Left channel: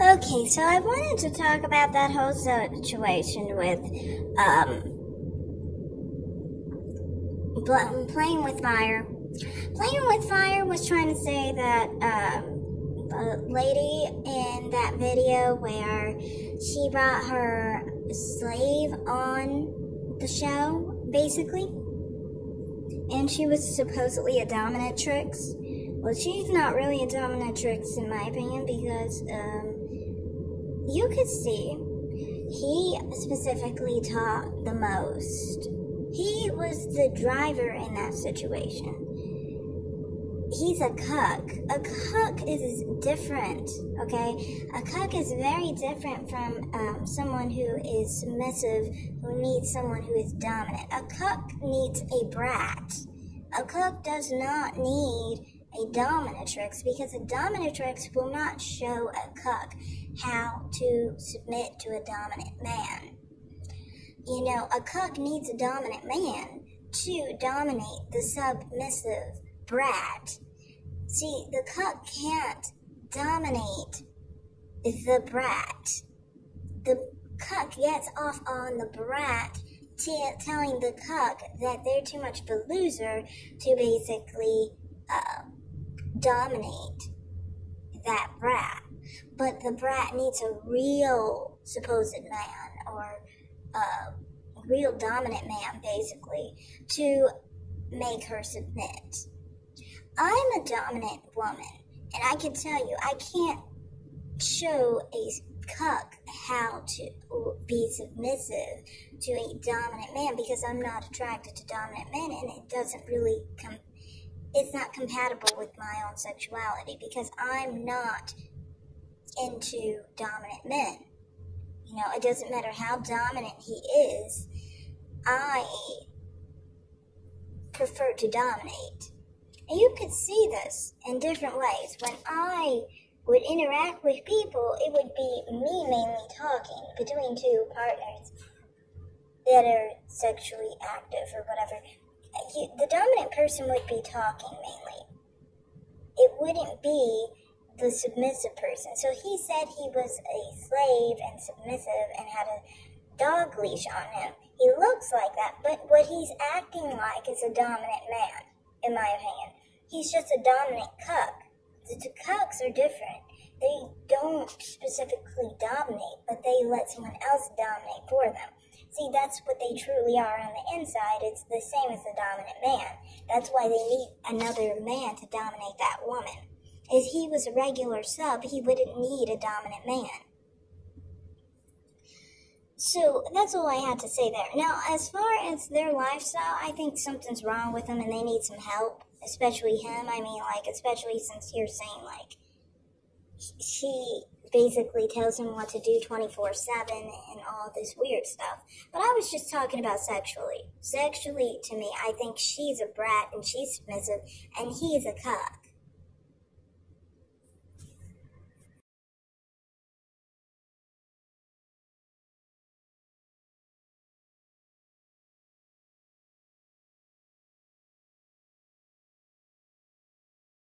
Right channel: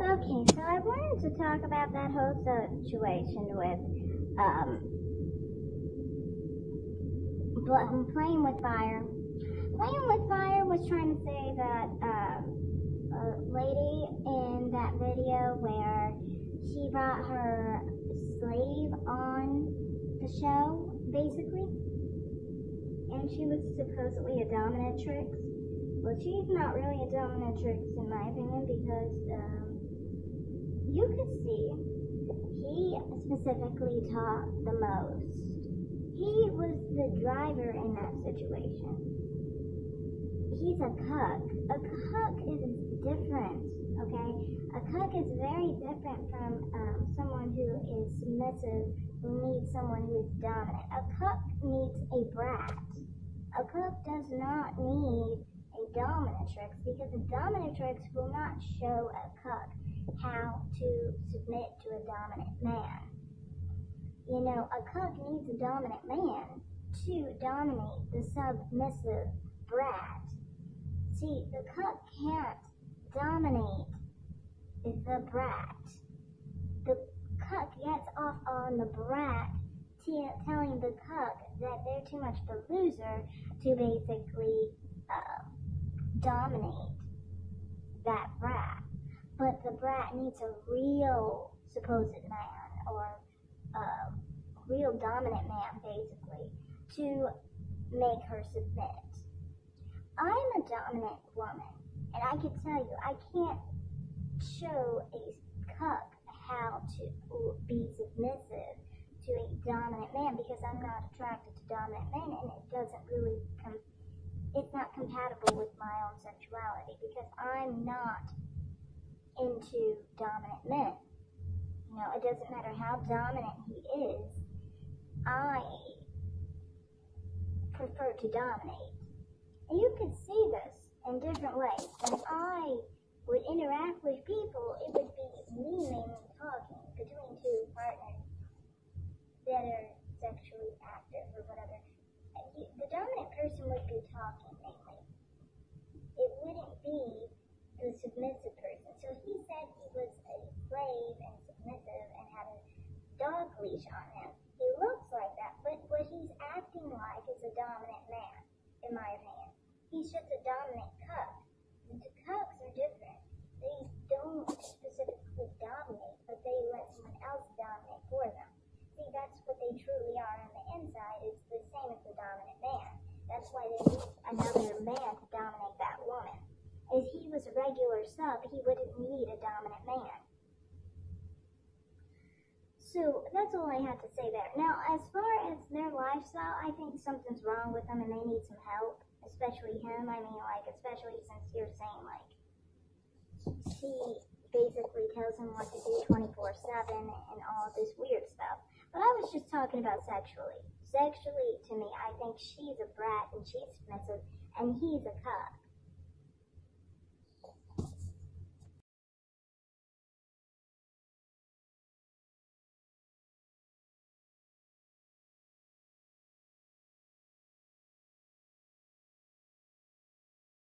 Okay, so I wanted to talk about that whole situation with playing with fire. Playing with fire was trying to say that the lady in that video where she brought her slave on the show, basically, and she was supposedly a dominatrix. Well, she's not really a dominatrix in my opinion because you could see he specifically taught the most. He was the driver in that situation. He's a cuck. A cuck is different, okay? A cuck is very different from someone who is submissive, who needs someone who is dominant. A cuck needs a brat. A cuck does not need a dominatrix because a dominatrix will not show a cuck how to submit to a dominant man. You know, a cuck needs a dominant man to dominate the submissive brat. See, the cuck can't dominate the brat. The cuck gets off on the brat telling the cuck that they're too much of a loser to basically dominate that brat. But the brat needs a real supposed man or real dominant man, basically, to make her submit. I'm a dominant woman, and I can tell you, I can't show a cuck how to be submissive to a dominant man because I'm not attracted to dominant men, and it doesn't really it's not compatible with my own sexuality because I'm not into dominant men. You know, it doesn't matter how dominant he is, I prefer to dominate. And you could see this in different ways. When I would interact with people, it would be me mainly talking between two partners that are sexually active or whatever. The dominant person would be talking mainly. It wouldn't be the submissive person. So he said he was a slave and submissive and had a dog leash on him. He looks like that, but what he's acting like is a dominant man, in my opinion. He's just a dominant cuck. The cucks are different. They don't specifically dominate, but they let someone else dominate for them. See, that's what they truly are on the inside. It's the same as the dominant man. That's why they need another man to dominate that woman. If he was a regular sub, he wouldn't need a dominant man. So that's all I had to say there. Now, as far as their lifestyle, I think something's wrong with them and they need some help, especially him. I mean, especially since you're saying, she basically tells him what to do 24/7 and all this weird stuff. But I was just talking about sexually. Sexually, to me, I think she's a brat and she's submissive and he's a cuck.